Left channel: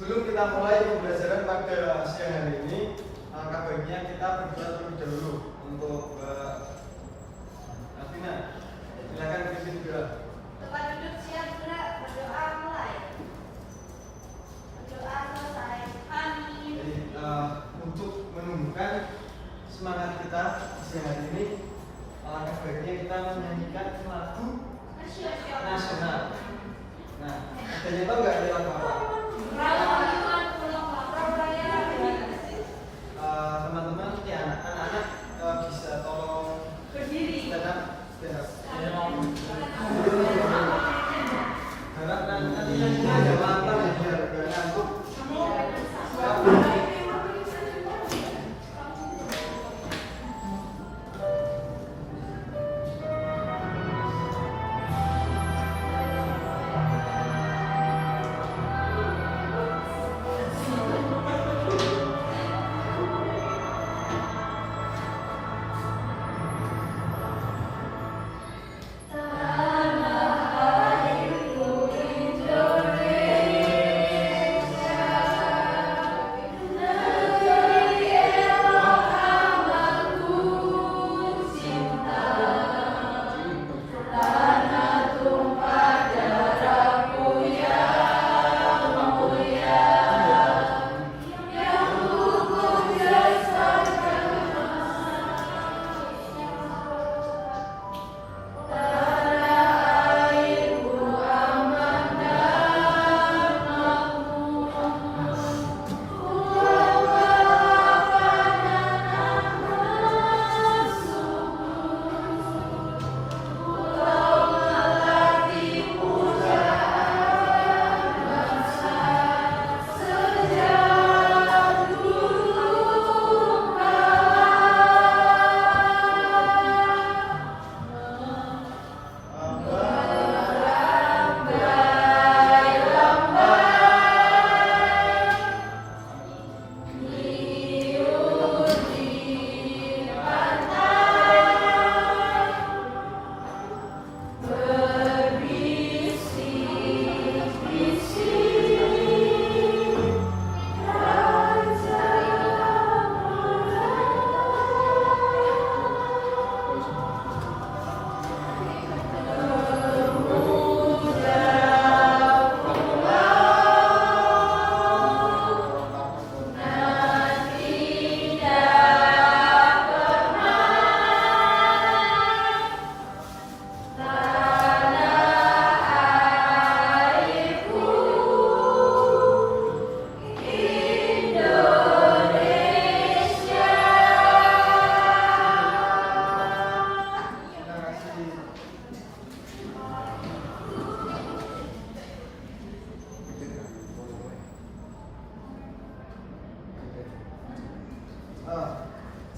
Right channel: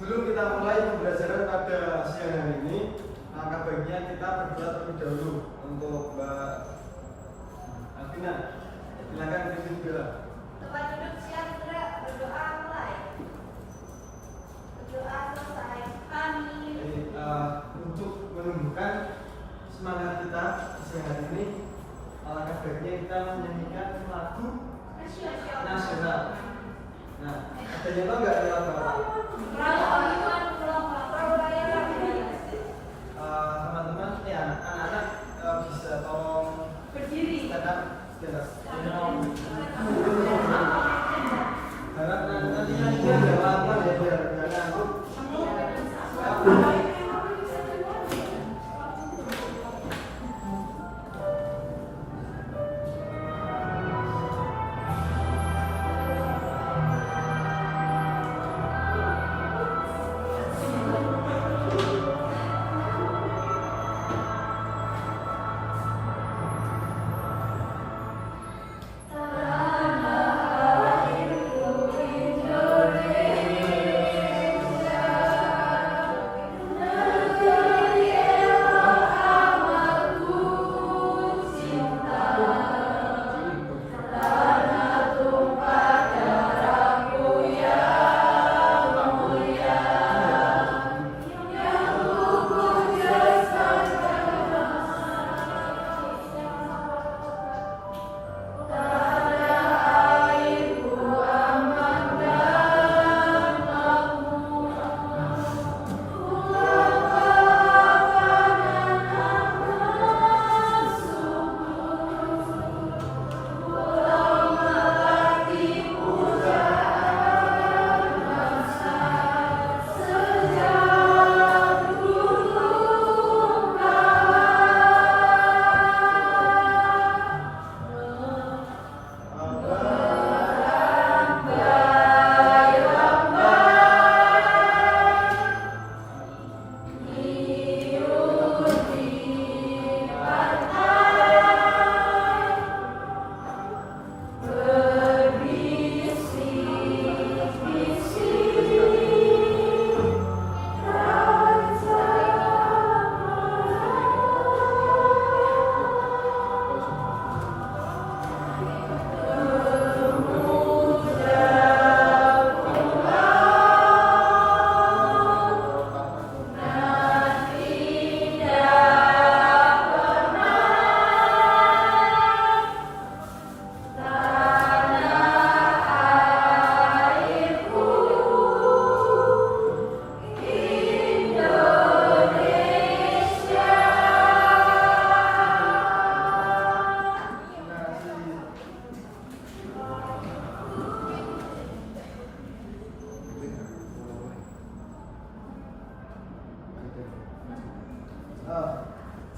Sebelum kita mulai pembelajaran pada siang hari ini, alangkah baiknya kita berdoa terlebih dahulu untuk Mbak Afina. Silakan pimpin doa. Tempat duduk siang sudah, berdoa mulai. Berdoa selesai. Amin. Jadi, untuk menumbuhkan semangat kita siang hari ini, alangkah baiknya kita menyanyikan lagu nasional. Nah, ada nyetok nggak di dalam Bapak? Teman-teman, ya anak-anak bisa tolong Berdiri. tetap harap nanti ada waktu ya biar ngantuk.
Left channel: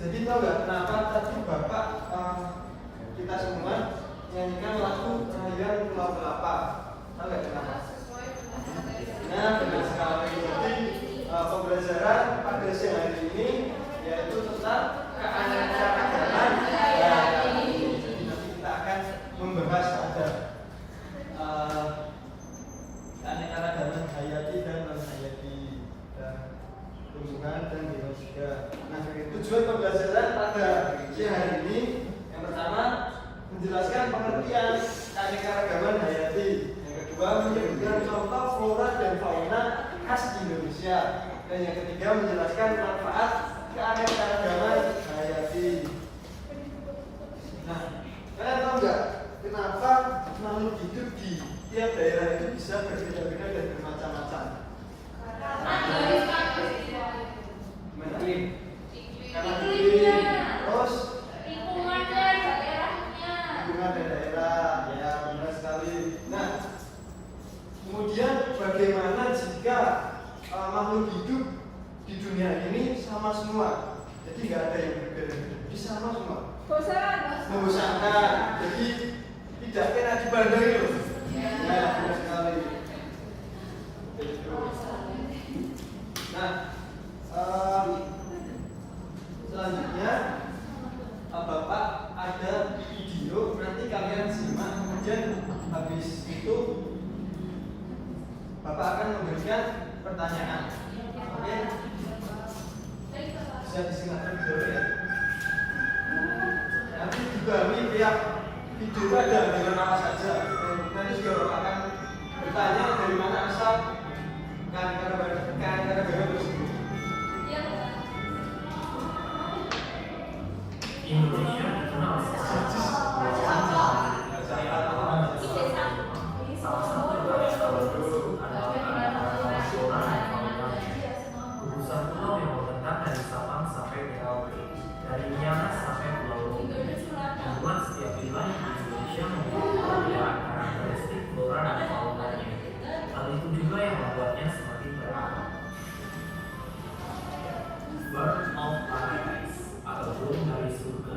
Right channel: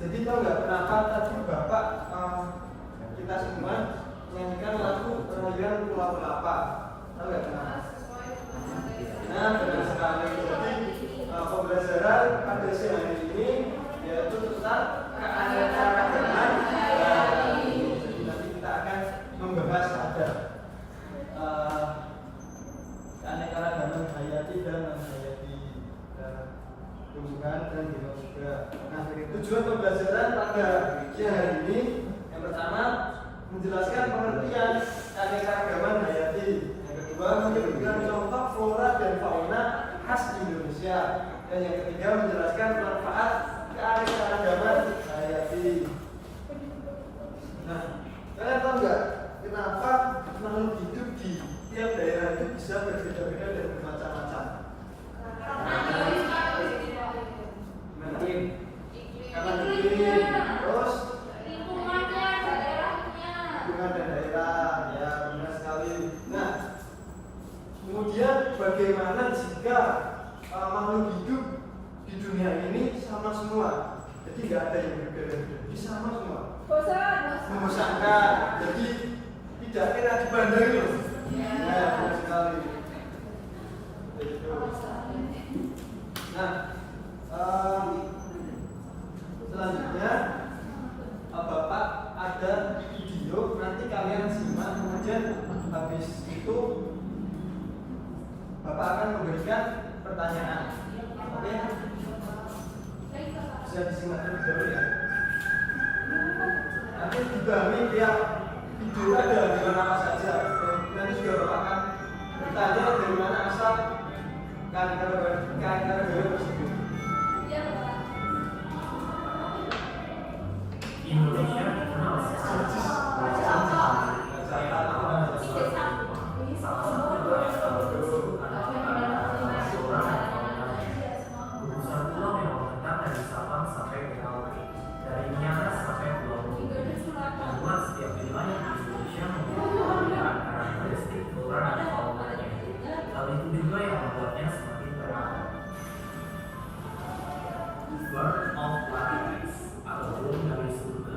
Jadi tahu nggak kenapa tadi Bapak kita semua menyanyikan lagu Rayuan Pulau Kelapa? Tahu nggak kenapa? Nah, benar sekali. Jadi pembelajaran pada siang hari ini yaitu tentang keanekaragaman hayati. Jadi nanti kita akan membahas ada keanekaragaman hayati dan non hayati dan tumbuhan dan genosida. Nah, tujuan pembelajaran pada siang hari ini yang pertama menjelaskan pengertian keanekaragaman hayati. Yang kedua menyebutkan contoh flora dan fauna khas Indonesia. Dan yang ketiga menjelaskan manfaat keanekaragaman hayati. Nah, kalian tahu nggak kenapa makhluk hidup di tiap daerah itu bisa berbeda-beda dan bermacam-macam? Karena iklim, terus lingkungan dan daerah, ya benar sekali. Nah, kemudian bagaimana jika makhluk hidup di dunia ini sama semua? Jadi nggak ada yang berbeda-beda, jadi sama semua. Membosankan, jadi tidak kena dipandang itu. Nah, benar sekali. Nah, selanjutnya Bapak ada video nanti kalian simak, kemudian habis itu Bapak akan memberikan pertanyaan. Oke? Bisa disimak terlebih dahulu ya. Nanti dibagi tiap video ada di mana saja. Nanti juga Bapak akan bertanya dari mana asal kira-kira tersebut. Indonesia dikenal sebagai salah satu bahasa tersebut adalah bahasa nasional yang dominan. Gugusan pulau yang membentang dari Sabang sampai Merauke, dari Miangas sampai Pulau Lombok, membuat setiap wilayah di Indonesia memiliki perbedaan karakteristik flora dan faunanya. Hal itu juga yang membuatnya semakin beragam. Bird of Paradise atau burung dari surga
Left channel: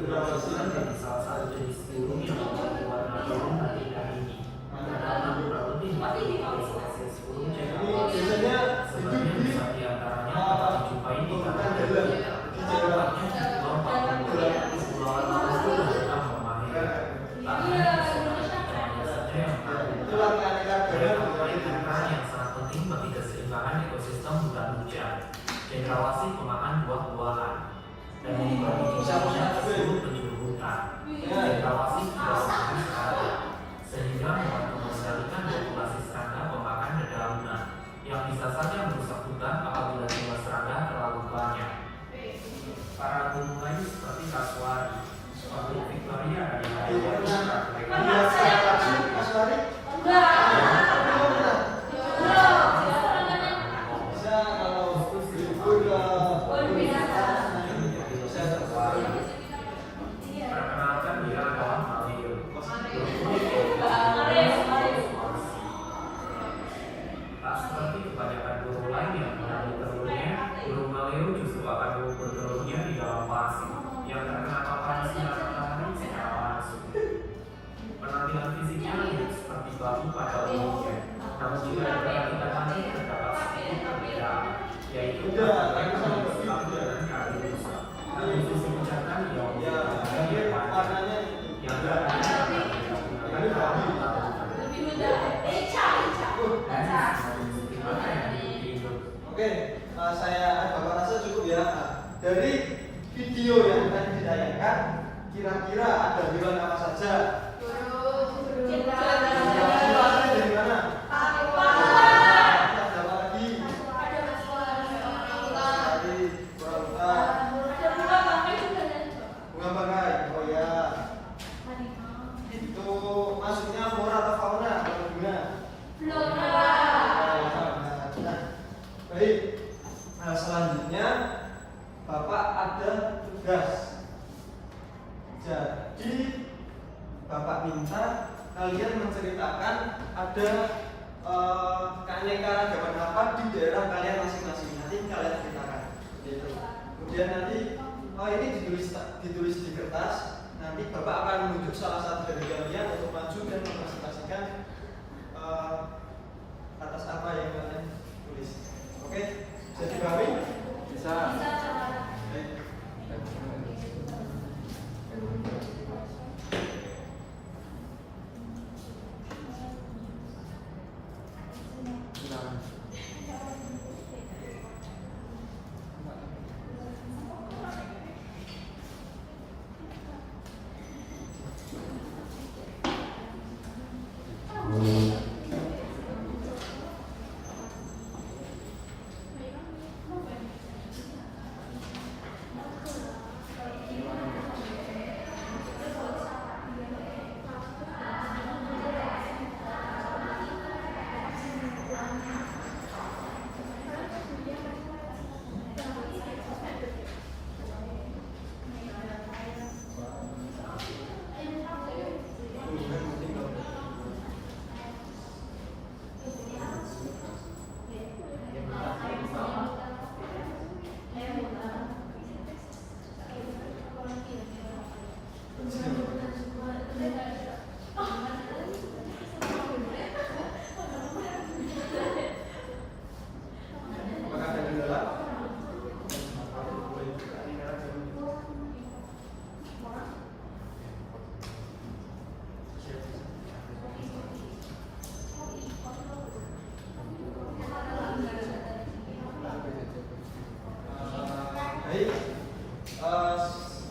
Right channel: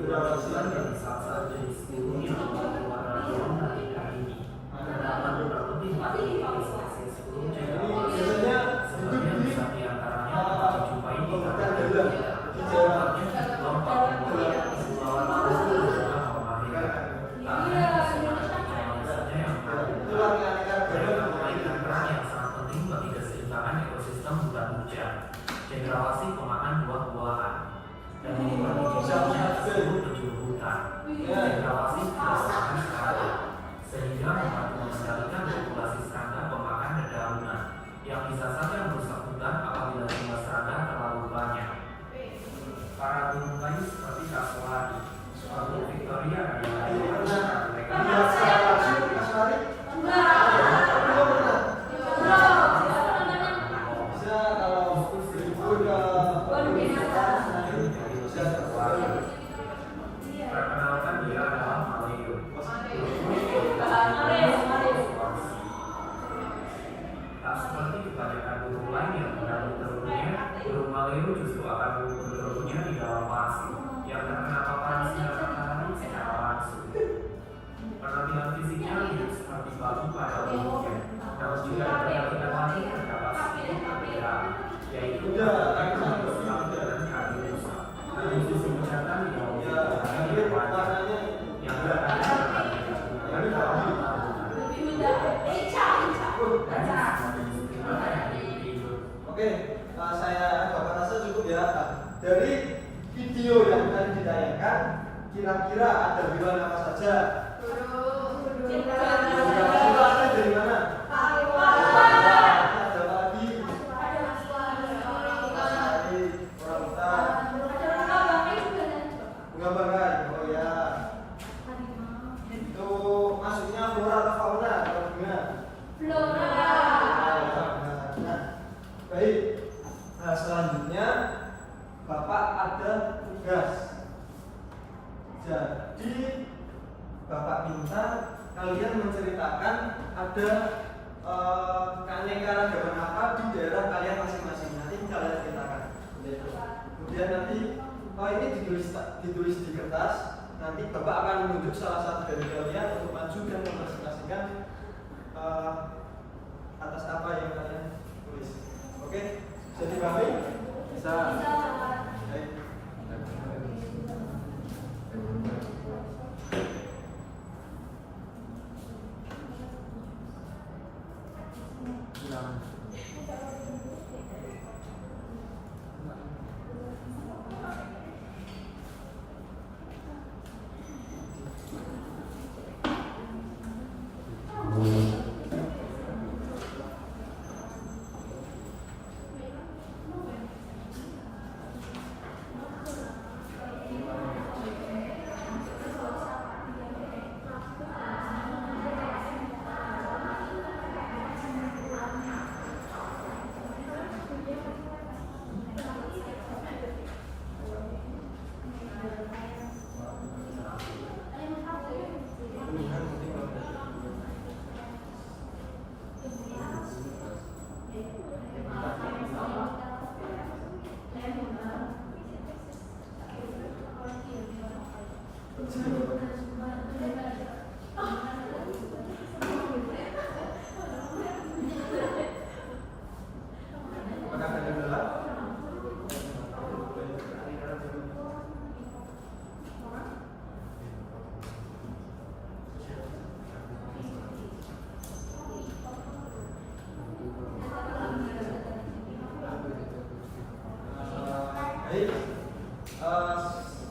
berasal dari salah satu jenis burung yang memiliki warna biru dan hitam ini. Terdapat kurang lebih 40 kali spesies burung cengkeh. Sebagian besar di antaranya dapat dijumpai di Kalimantan. Tempatnya di Pulau Papua, Kepulauan Maluku dan juga Halmahera. Karena hanya saja yang menarik. Mereka memainkan peran yang sangat penting bagi keseimbangan ekosistem hutan hujan. Cendrawasih pemakan buah-buahan dan membuat Indonesia disebut penjuru hutan. Cendrawasih tidak makan serangga, sehingga membantu mengendalikan populasi serangga pemakan dedaunan yang bisa saja merusak hutan apabila jumlah serangga terlalu banyak. Para gunung lain seperti Kasuari, Gunung Victoria dan yang lainnya mereka perkenalkan dia adalah Maleo. Tak seperti kebanyakan burung lain yang menabur telurnya, burung Maleo justru akan mengubur telurnya di dalam pasir yang terkena paparan sinar matahari secara langsung. Penampilan fisiknya mirip seperti batu pada umumnya, namun juga diperhatikan nanti terdapat sedikit perbedaan, yaitu bentuknya memiliki selalu dengan kaki rusak. Sisi ucapan yang yang berkaitan Oke, saya Bapak rasa cukup ya. Dari video yang tadi ditayangkan, kira-kira ada hewan apa saja? Dari mana? Ada lagi. Bunga bangkai. Oh ya. Itu maksudnya flora atau fauna? Bunga. Baik. Nah, selanjutnya Bapak ada tugas. Jadi Bapak minta kalian menceritakan ada keanekaragaman apa di daerah kalian masing-masing. Nanti kalian ceritakan. Kemudian nanti ini ditulis di kertas. Nanti Bapak akan menunjuk salah satu dari kalian untuk maju dan mempresentasikan atas apa yang kalian tulis. Oke, jadi kami bisa. Baik. Baik,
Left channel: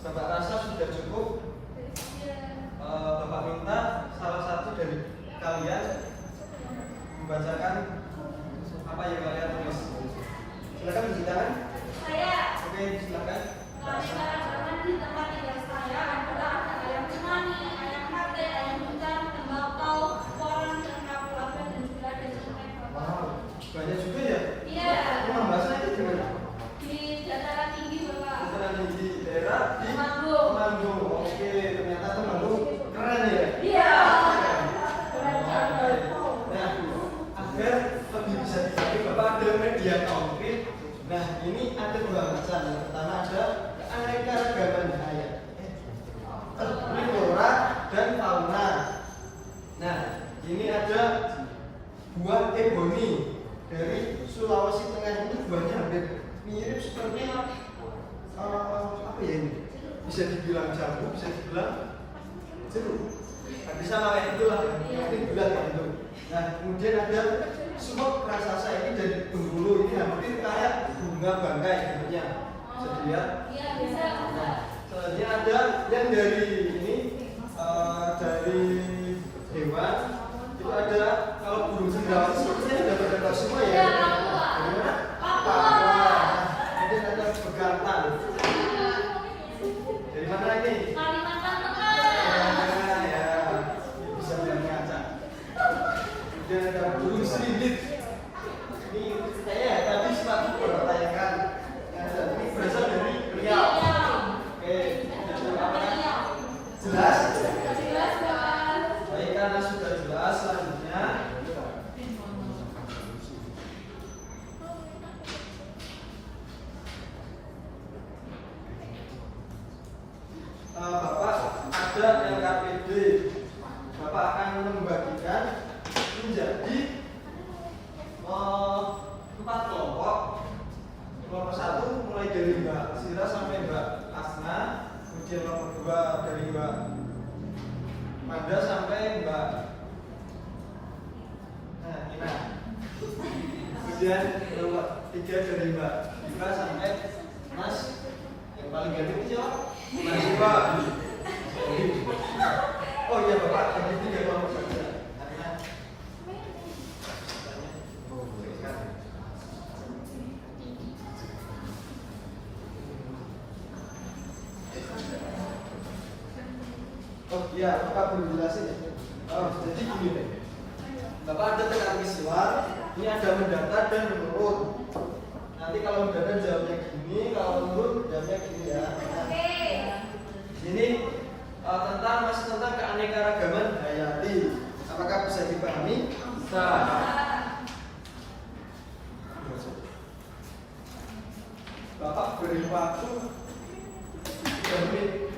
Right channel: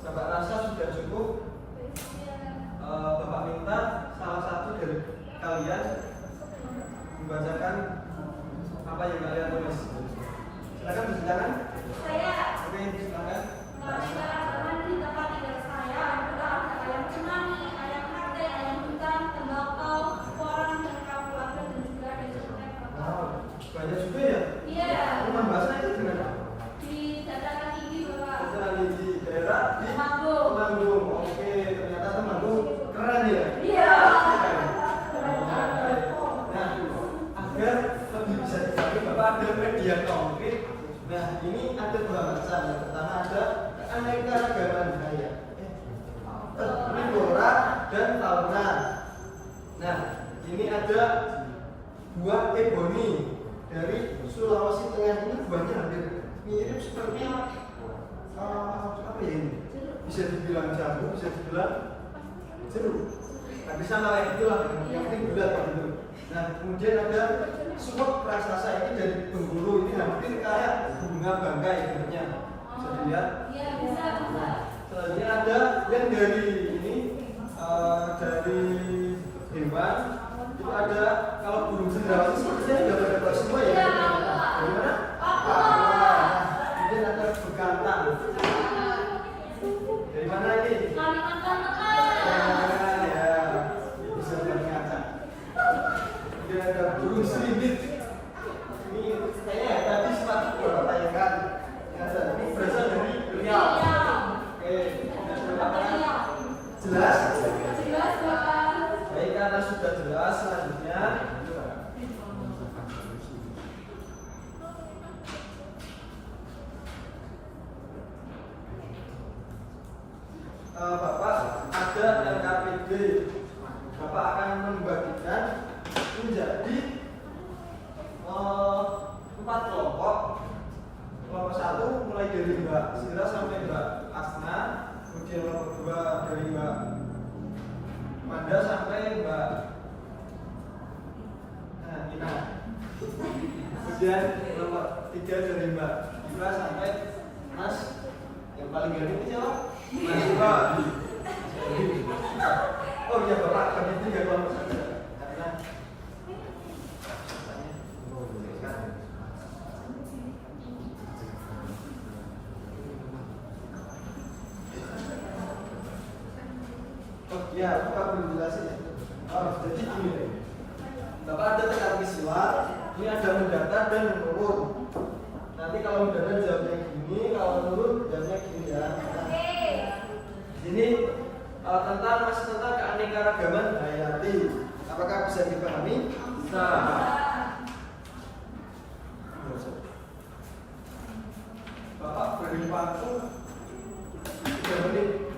Bapak rasa sudah cukup. Bapak minta salah satu dari kalian membacakan apa yang kalian tulis. Silakan tunjuk tangan. Saya. Oke, silakan. Keaneka ragaman di tempat tinggal saya adalah ada ayam cemani, ayam sate, ayam hujan, tembakau, koran, cerkap, label, dan juga ada jeruk. Wow, banyak juga ya. Iya. Ini membahasnya itu di mana? Di dataran tinggi Bapak. Dataran di daerah di Temanggung. Temanggung. Oke, ternyata Temanggung keren ya. Iya. Nah, agar lebih bisa dicapai, Bapak ada media konkret. Nah, ini ada dua macam. Yang pertama ada keanekaragaman hayat, flora dan fauna. Nah, ini ada buah ebony dari Sulawesi Tengah. Ini buahnya hampir mirip seperti apa ya ini? Bisa dibilang jambu, bisa dibilang jeruk. Tapi sama kayak itulah, yang penting bulat Bandung. Nah, kemudian ada sumut raksasa, ini dari Bengkulu. Ini hampir kayak bunga bangkai bentuknya. Bisa dilihat. Iya, bisa. Nah, selanjutnya ada yang dari ini dari hewan itu ada, kalau burung cendrawasih sepertinya sudah pada tahu semua ya. Iya. Dari mana? Papua. Kemudian ada bekantan. Dari mana lagi? Kalimantan Tengah. Ya, bisa bilang ngaca. Kemudian ada burung siripit. Ini kayaknya tadi sempat beberapa tayangan. Ini berasal dari Riau. Oke, apa? Jelas? Jelas, Bapak. Baik, karena sudah jelas, selanjutnya Bapak ada LKPD. Bapak akan membagikan menjadi 4 kelompok. Kelompok 1 mulai dari Mbak Sira sampai Mbak Asna, kemudian kelompok 2 dari Mbak Manda sampai Mbak Ina, kemudian kelompok 3 dari Mbak Diva sampai Mas yang paling gede siapa? Mas Diva. Oh iya Bapak, jadi 3 kelompok saja karena oh iya, Bapak belum jelasin ya. Oh, jadi gini deh. Bapak ada teka-teki silat, ini ada mendatar dan menurun. Nanti kalau mendatar jawabnya gini, kalau menurun jawabnya gini ya. Oke. Ini masih tentang keanekaragaman hayati. Apakah bisa dipahami? Bisa. Bapak beri waktu 3 menit.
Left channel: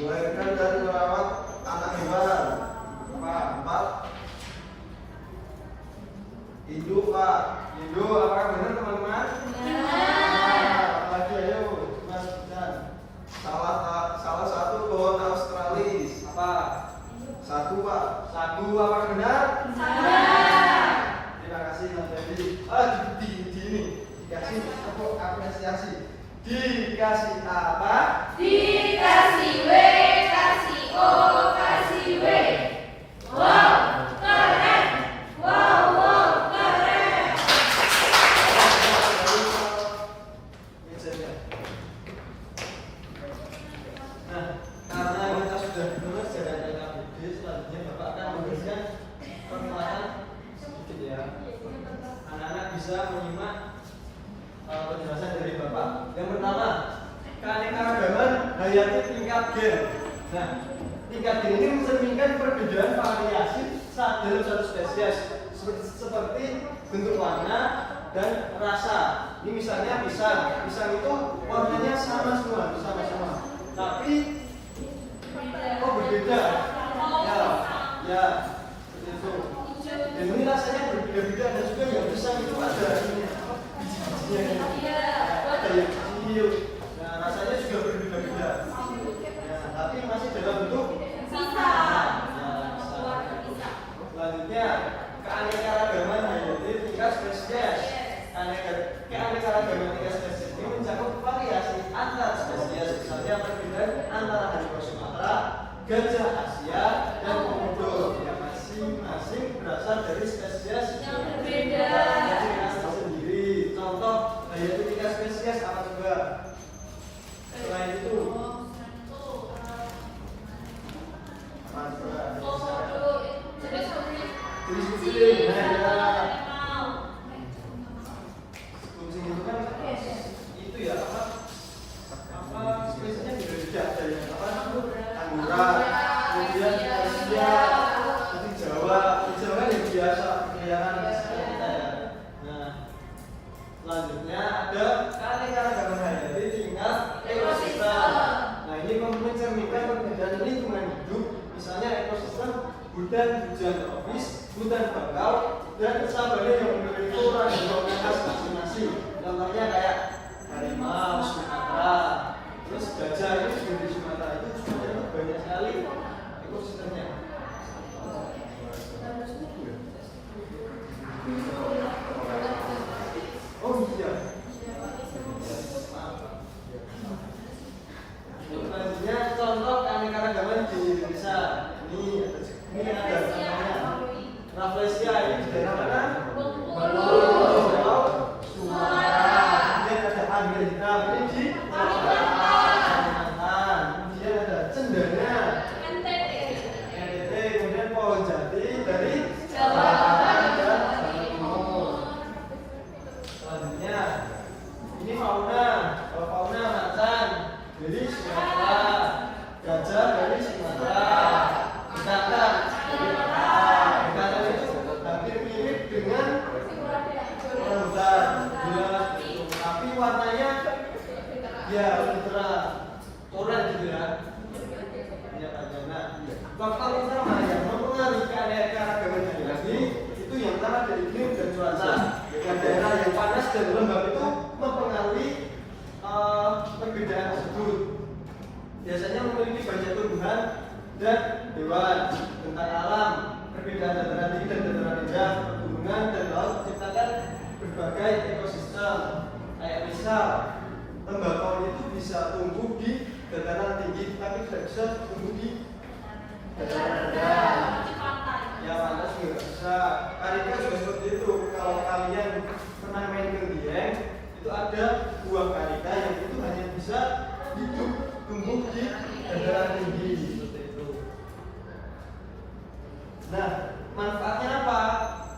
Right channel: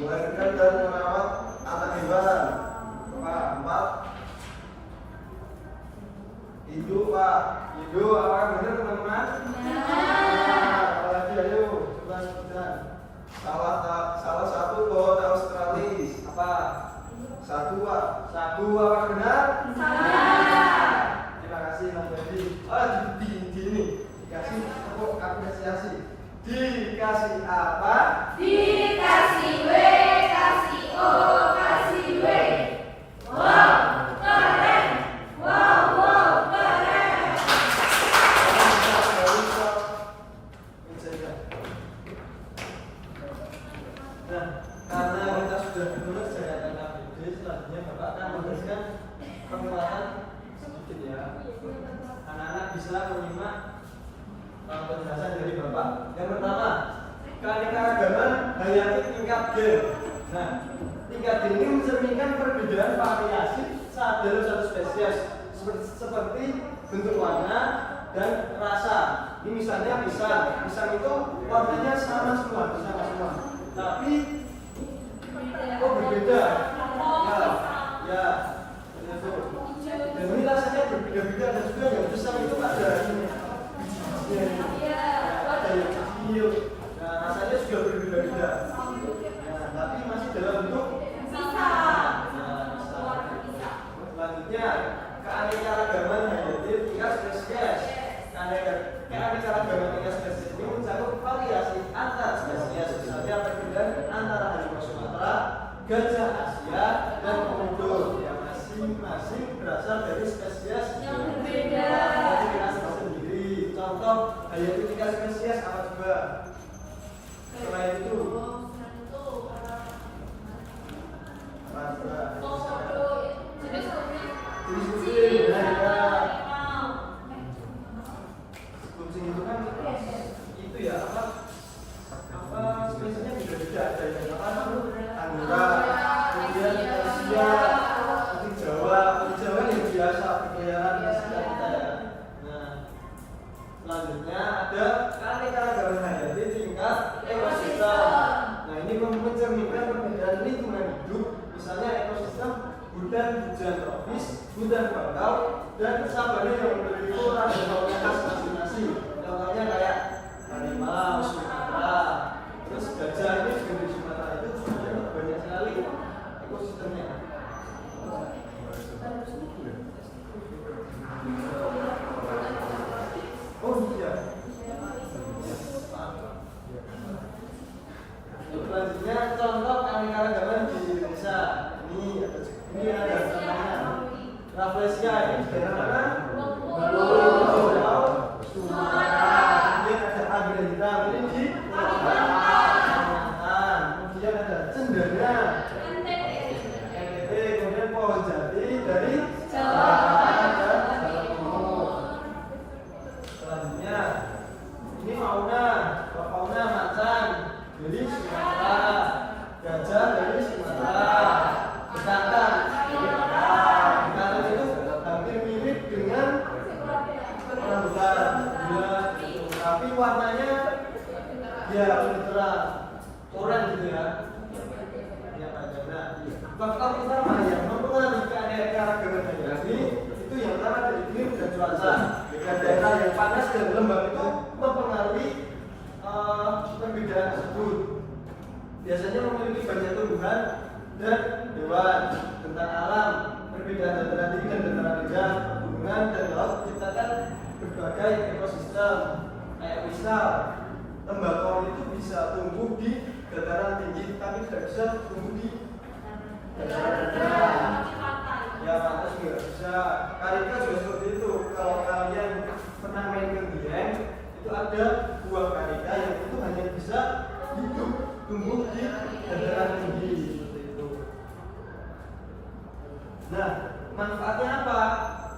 melahirkan dan merawat anak hewan. Pak, 4. Hidup, Pak. Hidup, apakah benar teman-teman? Apalagi ayo, coba sebutkan. Salah satu pohon Australis apa? Sagu, Pak. Sagu, apakah benar? Terima kasih Mas Dedi. Di ini dikasih tepuk apresiasi. Dikasih apa? Dikasih W, kasih O, kasih W. Wow, keren. Wow, keren. Nah, karena kita sudah lulus dari ABD, selanjutnya Bapak akan memberikan pengulangan sedikit ya. Anak-anak bisa menyimak penjelasan dari Bapak. Yang pertama, keanekaragaman hayati tingkat gen. Nah, tingkat gen ini mencerminkan perbedaan variasi dalam satu spesies seperti bentuk warna dan rasa. Ini misalnya pisang. Pisang itu warnanya sama semua, sama semua. Tapi berbeda. Ya, seperti itu. Dan ini rasanya berbeda-beda dan juga yang pisang itu ada ini. Bijinya ada yang kecil. Nah, rasanya juga berbeda-beda. Nah, tapi masih dalam bentuk pisang. Selanjutnya, keanekaragaman hayati tingkat spesies. Keanekaragaman tingkat spesies ini mencakup variasi antar spesies, misalnya perbedaan antara harimau Sumatera, gajah Asia, dan komodo yang masing-masing berasal dari spesies yang berbeda. Sendiri. Contoh hayati tingkat spesies apa coba? Selain itu, kucing itu kan itu ya apa spesiesnya beda-beda, ada yang apa Anggora, kemudian Asia, kucing Jawa yang biasa berkeliaran di sekitar kita ya. Nah, selanjutnya ada keanekaragaman hayati tingkat ekosistem. Nah, ini mencerminkan perbedaan lingkungan hidup, misalnya ekosistem hutan hujan tropis, hutan bakau, dan sabana yang memiliki flora dan fauna khas masing-masing. Contohnya kayak harimau Sumatera, terus gajah itu juga di Sumatera itu sebenarnya banyak sekali ekosistemnya. Oh iya. Selanjutnya contoh keanekaragaman di Indonesia. Ini ada namanya Rafflesia, ini di daerah mana? Sumatera. Kemudian ada anggrek hitam, ini di Kalimantan. Kemudian ada cendana, NTT. Kemudian pohon jati dari Jawa dan Jawa Timur. Selanjutnya ini fauna macan dari Sumatera, gajah dari Sumatera. Bekantan itu hampir mirip dengan orangutan, tapi warnanya ya lebih terang, oranye gitu ya. Nah, faktor utama yang mempengaruhi keanekaragaman hayati itu yang pertama dari iklim dan cuaca. Dan daerah yang panas dan lembab itu mempengaruhi perbedaan tersebut. Biasanya memiliki banyak tumbuhan dan hewan. Tentang alam, perbedaan dataran tinggi dan dataran rendah, pegunungan dan laut menciptakan berbagai ekosistem. Kayak misal, tembakau itu bisa tumbuh di dataran tinggi, tapi tidak bisa tumbuh di dataran rendah. Ya, panas juga bisa. Karika juga seperti itu. Kalau kalian pernah main ke Dieng, itu ada buah karika yang itu hanya bisa hidup tumbuh di dataran tinggi. Nah, manfaatnya apa?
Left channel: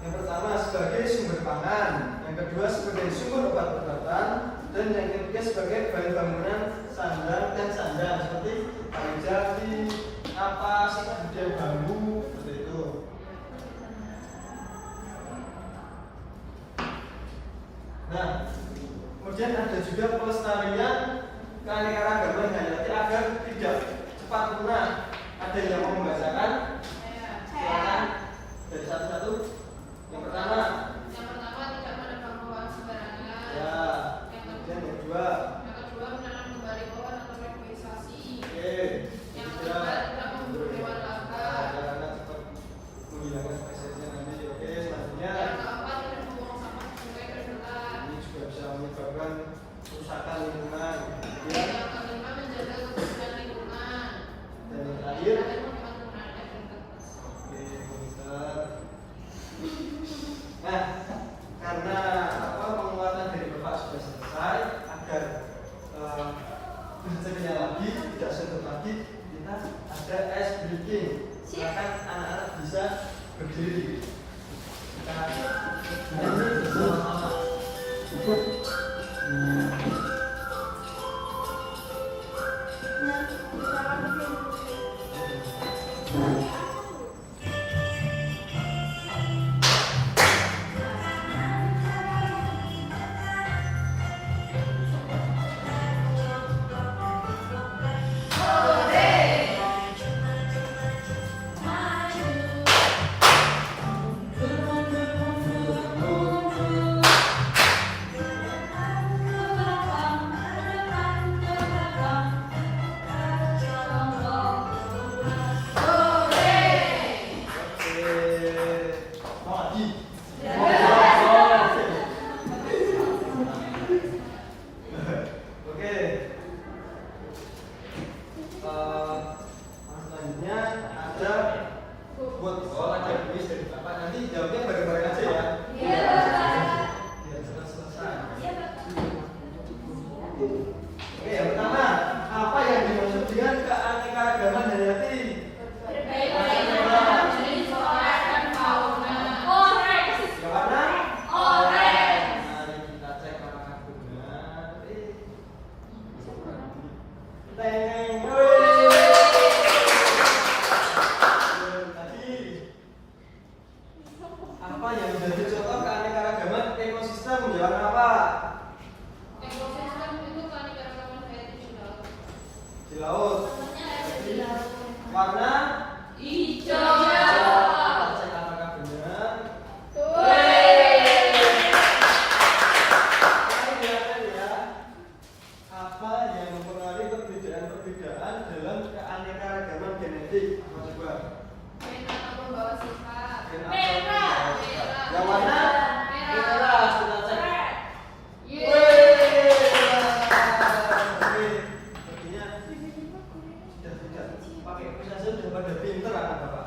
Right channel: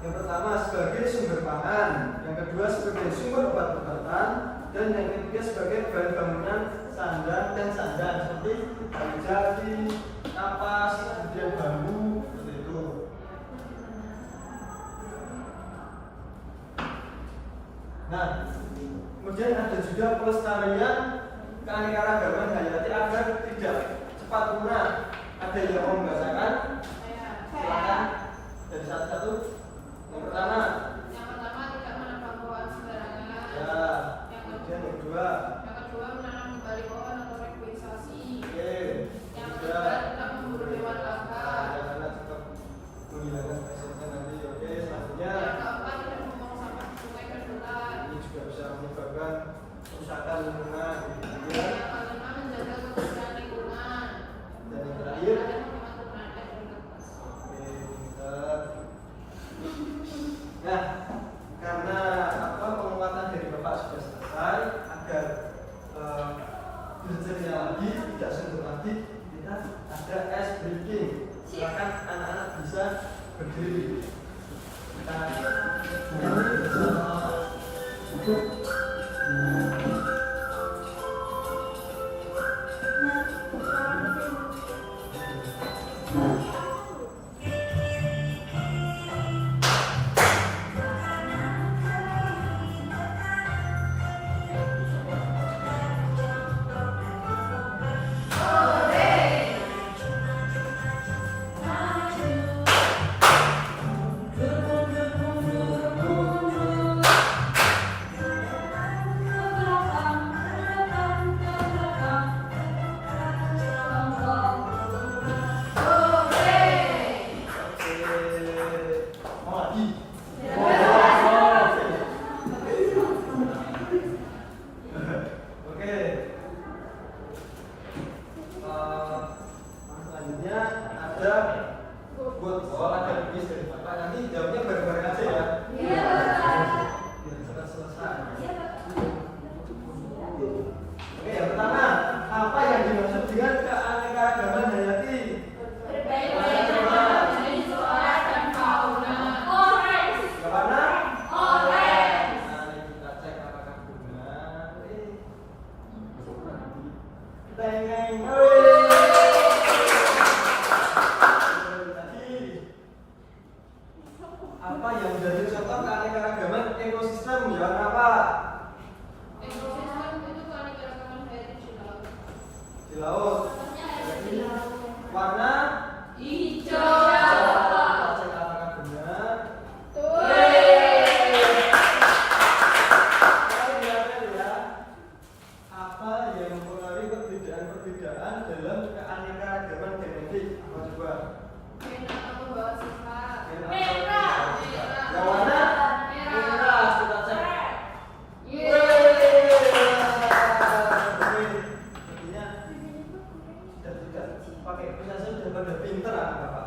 Yang pertama sebagai sumber pangan, yang kedua sebagai sumber obat-obatan, dan yang ketiga sebagai bahan bangunan sandang dan sandang seperti kayu jati, kapas, kemudian bambu, seperti itu. Nah, kemudian ada juga pelestarian keanekaragaman hayati agar tidak cepat guna. Ada yang mau membacakan? Silakan dari satu-satu. Yang pertama tidak menebang pohon sembarangan. ya. Yang kedua menanam kembali pohon atau reboisasi. oke. Yang ketiga tidak memburu hewan langka. Karena cepat menghilangkan spesiesnya nanti. Oke, selanjutnya Yang keempat tidak membuang sampah ke sungai berdotan. ini juga bisa menyebabkan kerusakan lingkungan. Yang kelima menjaga kebersihan lingkungan. Dan yang terakhir Menghemat penggunaan air dan kertas. oke, pinter. Nah, karena penguatan dari Bapak sudah selesai, agar belajarnya lagi, tidak suntuk lagi, kita ada ice breaking. Silakan anak-anak bisa berdiri. Kita nyanyi bersama. Mau lagi? Oke. Selanjutnya ada buat ada kuis dari Bapak. Nanti jawabnya bareng-bareng aja ya. Tidak selesai. Oke, yang pertama, apa yang dimaksud dengan keanekaragaman hayati? Mari kita cek apakah benar. Teng. Tadi apa yang menjadi contoh keanekaragaman ekosistem? Jawab apa? Ekosistem itu keanekaragaman hayati di laut. Di laut. Warna Hijau. kita cek apakah benar. Apa yang mempengaruhi perbedaan dalam keanekaragaman genetik? Mau coba? Pembawa sifat. Yang warna merah. Kita cek. Sepertinya sudah tidak pakai prosesor, sudah pada pinter anak Bapak.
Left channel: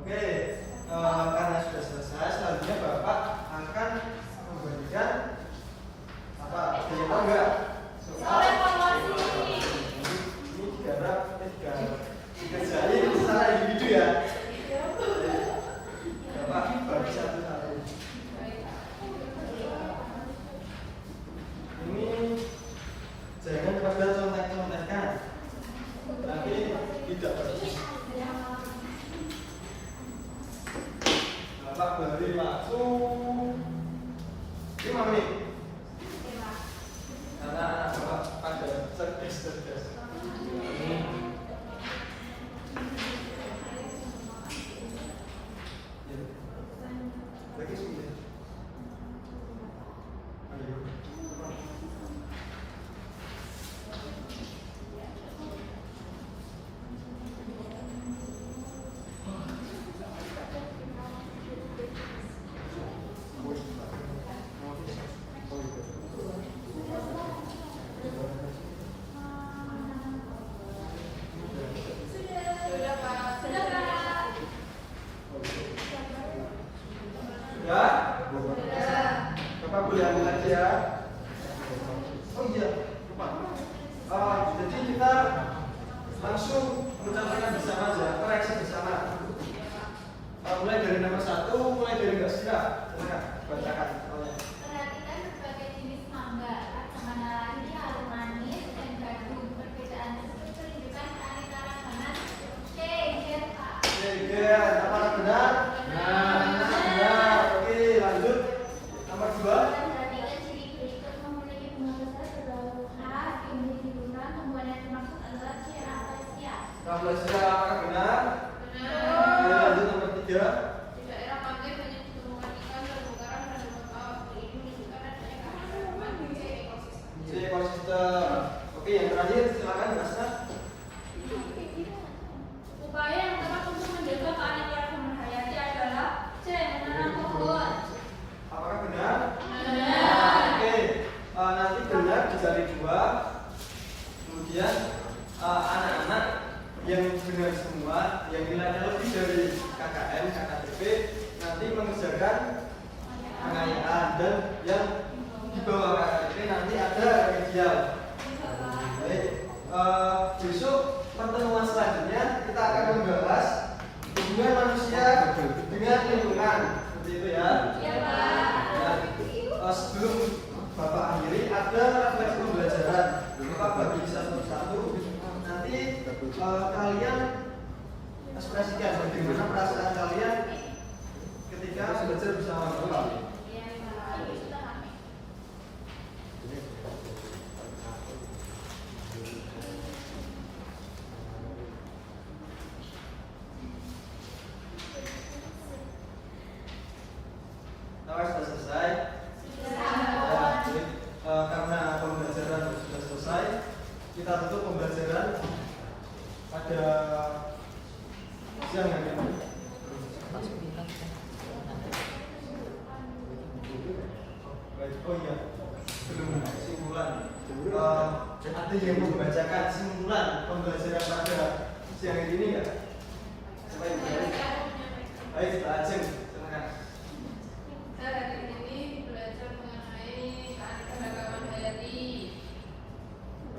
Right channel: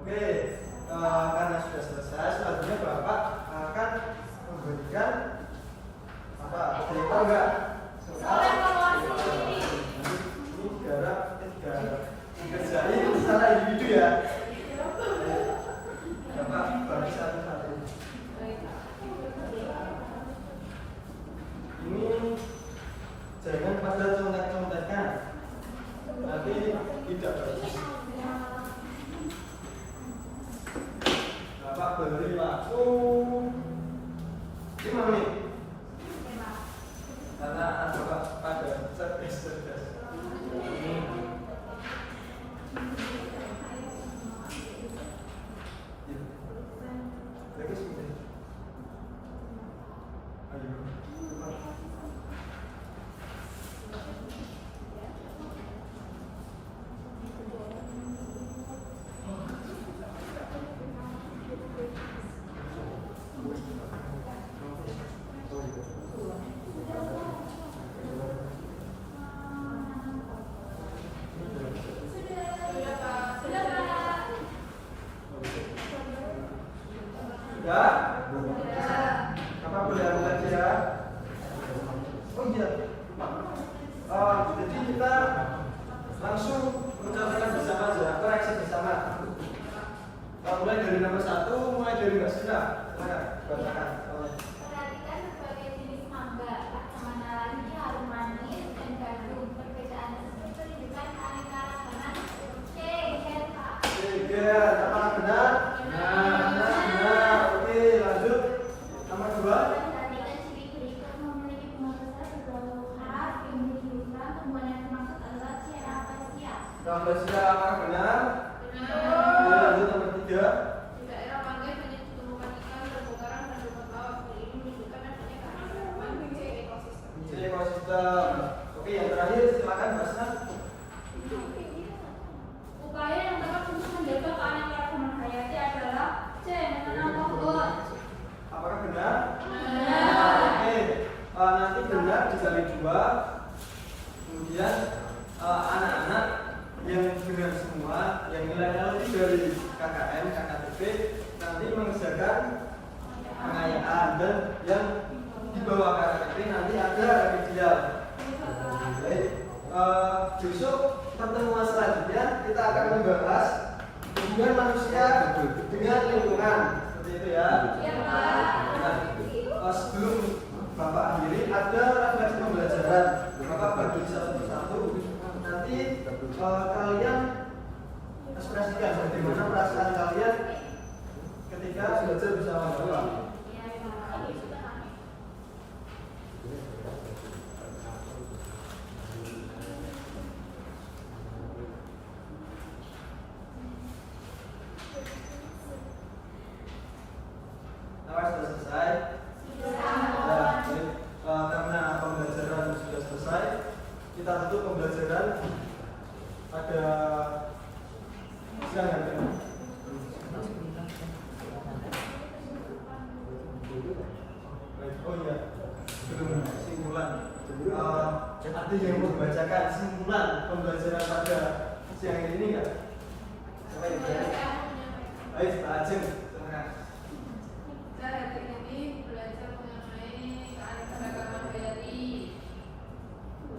Oke, karena sudah selesai, selanjutnya Bapak akan memberikan apa? Ada yang tahu nggak? Soal ini dikerjain secara individu ya. Bapak bagi satu-satu. Ini jangan pada contek-contekan, nanti tidak bagus. Bapak beri waktu 5 menit. Karena anak Bapak pada cerdas. Lagi sudah. Ayo. Sudah? Bapak boleh ambil lagi ya. Oh iya, lupa. Jadi kita langsung mencatatkan bersama aja, koreksi bersama. Mulai dari nomor 1, mulai dari Mbak Sira. Silakan bacakan. Perhatikan berbagai jenis mangga, mana lainnya harum manis dan jagung. Perbedaan tersebut menunjukkan keanekaragaman. C. Gen. Apakah benar? Benar. Oke, lanjut. Nomor pembelajaran apakah benar? Benar. Ya, lanjut nomor 3. Di daerah pantai banyak ditemukan ikan terumbu karang dan rumput laut. Hal ini menunjukkan adanya keanekaragaman di ekosistem. C. Ekosistem. Oke, yang terakhir silakan Mas Nas. Upaya yang tepat untuk menjaga keanekaragaman hayati adalah C. Menanam pohon. Apakah benar? Benar. Oke, nanti benar dikali 2. Kemudian anak-anak yang benar semua, yang nilainya lebih dari KKM, KKTP nanti mengerjakan pengayaan, dan yang di bawah KKTP nanti ada remedial. Baik, besok pertemuan selanjutnya kita akan membahas hubungan manusia dengan lingkungan, seperti itu ya. Iya, Pak. Ya, sebelum Bapak akhiri ada refleksi pembelajaran, Bapak bagi satu-satu. Nanti kalian ekspresikan bagaimana perasaan kalian ketika belajar bersama Bapak. Nah, sudah selesai. Ya, baik. Karena pembelajaran sudah selesai, kita tutup pembelajaran pada siang hari ini. Baik, oh iya, belum simpulan. Ada yang mau membacakan simpulan pembelajaran pada siang hari ini ya? Siapa yang berani? Baik, Pak Aceh, silakan. Kita hari ini belajar mengenai keanekaragaman hayati.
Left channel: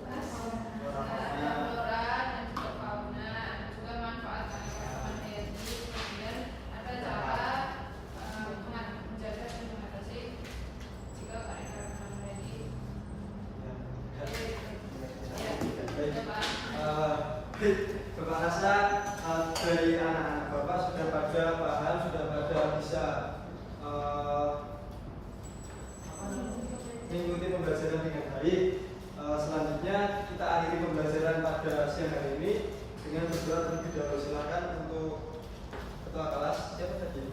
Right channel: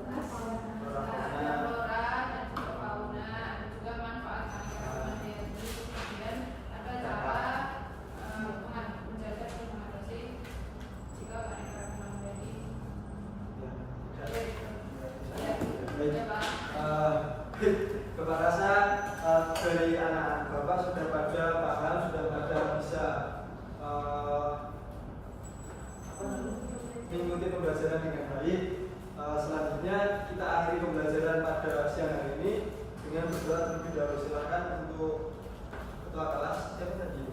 Ada flora dan juga fauna, juga manfaat keanekaragaman hayati. Kemudian ada cara menjaga dan mengatasi juga keanekaragaman hayati. Baik, Bapak rasa dari anak-anak Bapak sudah pada paham, sudah pada bisa mengikuti pembelajaran dengan baik. Selanjutnya kita akhiri pembelajaran pada siang hari ini dengan berdoa terlebih dahulu. Silakan untuk ketua kelas, siapa tadi?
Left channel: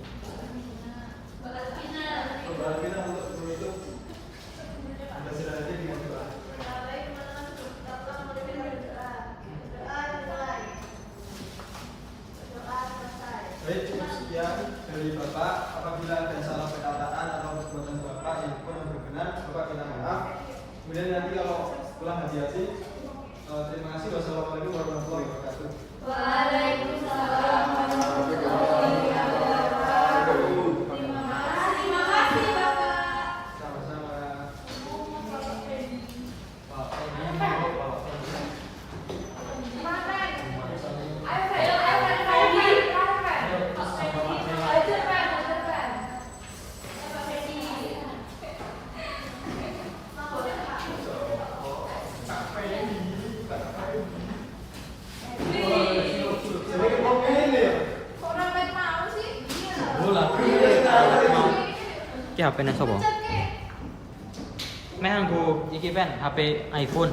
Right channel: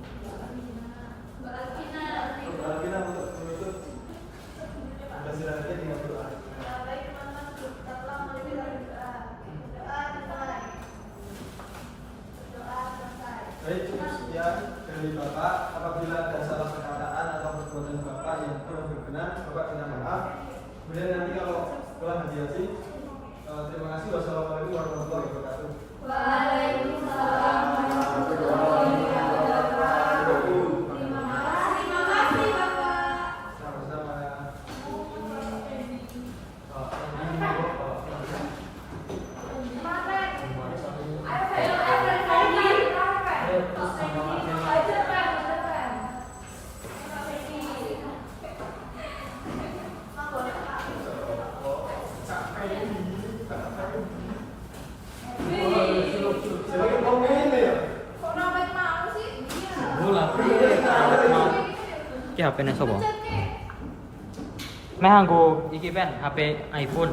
Mbak Alvina. Mbak Alvina untuk menutup pembelajaran aja dengan doa. Baik teman-teman, kita telah mulai dengan doa. Doa dimulai. Doa selesai. Baik, cukup sekian dari Bapak. Apabila ada salah perkataan atau perbuatan Bapak yang kurang berkenan, Bapak minta maaf. Kemudian nanti kalau pulang hati-hati. Terima kasih. Wassalamualaikum warahmatullahi wabarakatuh. Waalaikumsalam warahmatullahi wabarakatuh. Terima kasih Bapak. Sama-sama ya. Pak, jadi mau ini ya? Bola. Mau ki HP-ne sapa? Meh nganggo iki pen HP iPhone.